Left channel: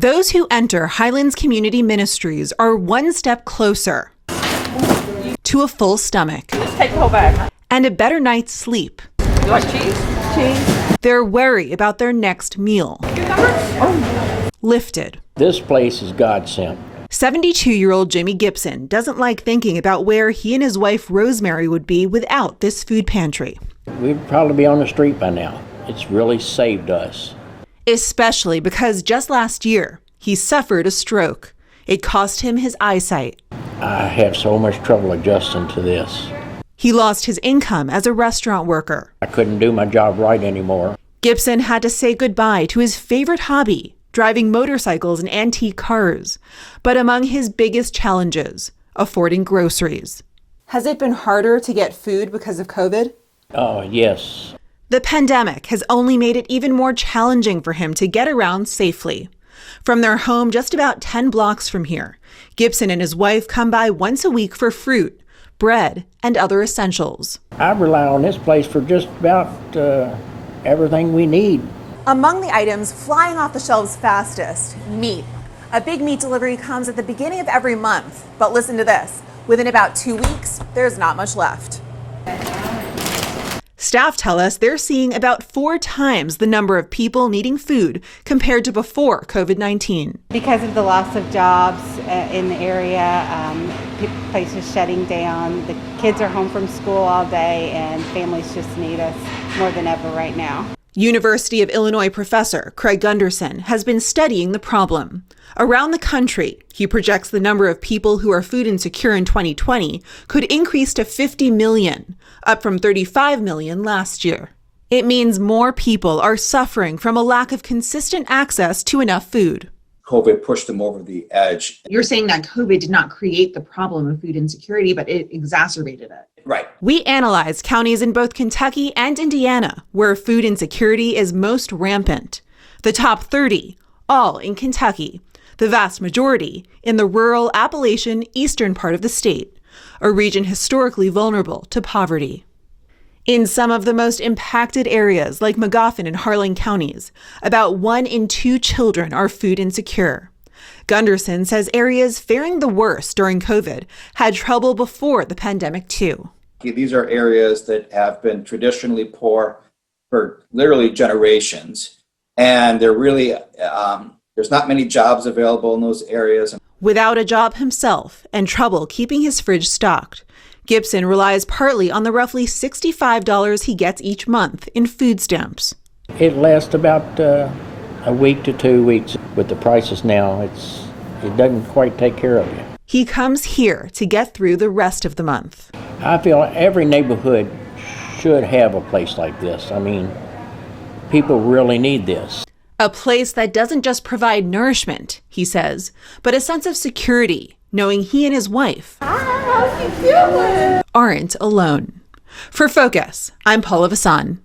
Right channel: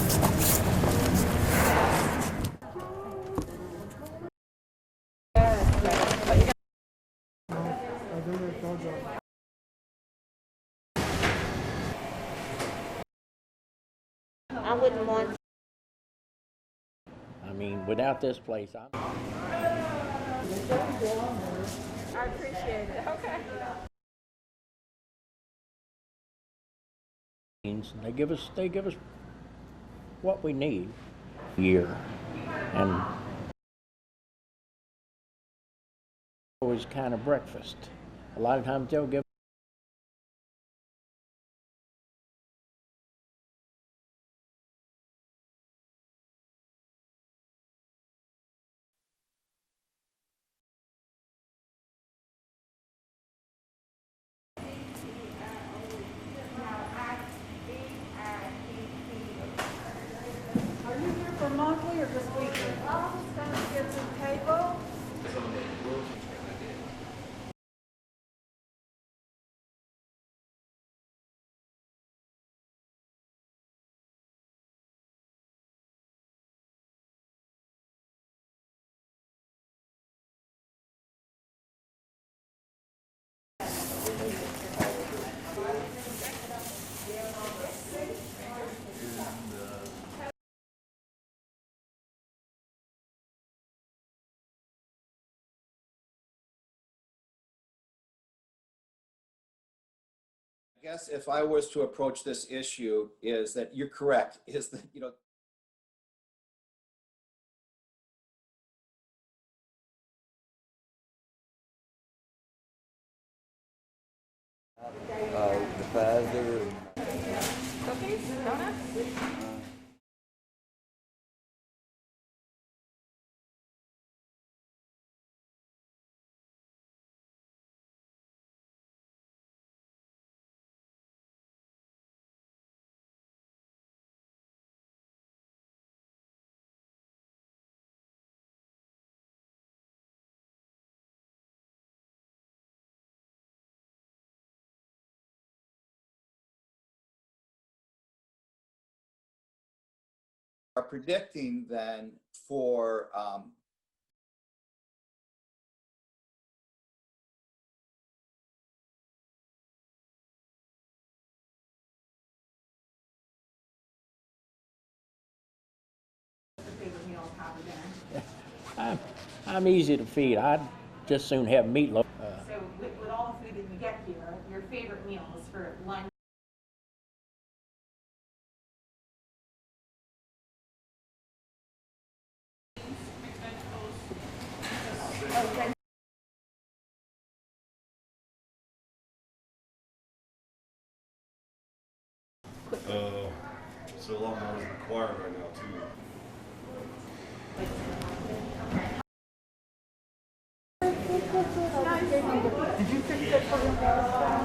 Those who enter Highlands Community Ministries are one step closer to a full stomach Take the whole bag. and a better night's sleep. You want cheese? Cheese. They're wary about their next meal. Lifted. This place is God sent. 72-year-old Jimmy Gibson doesn't like thinking about where he and his wife Rosemary would be without this food pantry. We'd probably be on the street by now. It's really saved us. Especially because just last year, he suffered a stroke. It cost him his eyesight. I have so much trouble adjusting to this. He lost his income as a restaurant worker. I couldn't do my job right anymore. Gibson had to say goodbye to his favorite hobby, driving motorcycles and antique cars. But among his biggest challenges, affording groceries. Has it been harder to get food because of COVID? Oh, yes. The pandemic has only made it even more challenging for him to get around safely. From their home just about 10 blocks from here, Gibson and his wife come by once a week for fruit, bread, and other essentials. I rely on this place for just about everything we need. Among the items flying off the shelves fastest, meat. A big meat delivery comes at the beginning of every month. But listen to this, within about 2 weeks, there's not much left. Staff tell us they're seeing about 4 times the number of people needing food compared to before COVID-19. Because of the loss of jobs in the area, places shutting down, the kids are home from school all day, and families just need us more than ever right now. University of Illinois professor Craig Gunderson has been studying the problem. Around the country, he projects the number of people who are food insecure in 2020 could increase to 50 million, up from 35 million last year. It means more people are suffering from a lack of consistent access to enough food. COVID pushed them over the edge. You're saying that COVID did not create the problem of food insecurity, but it exacerbated it. Right. We analyzed counties in both Kentucky and Indiana where food insecurity is most rampant. The top 30, all in Kentucky. The vast majority in the rural Appalachian eastern part of the state, a region historically vulnerable to poverty. In some of the most impacted areas like Magoffin and Harlan counties, about 1 in 2 children are food insecure. Gunderson says areas faring the worst during COVID had trouble before the pandemic too. These are areas that have been traditionally poor for literally generations, and they're really there's not many jobs available in those areas. Without a job himself and trouble keeping his fridge stocked, Gibson relies partly on the roughly $65 he gets each month in food stamps. It lasts about a week to 2 weeks. With the prices now, it doesn't quite take care of you. He comes here to get through the rest of the month. I feel every neighborhood should have a place like this. I mean, people really need this. A place that doesn't just provide nourishment, he says, but a sense of security, knowing he and his wife aren't alone. For Focus, I'm Paula Vassan.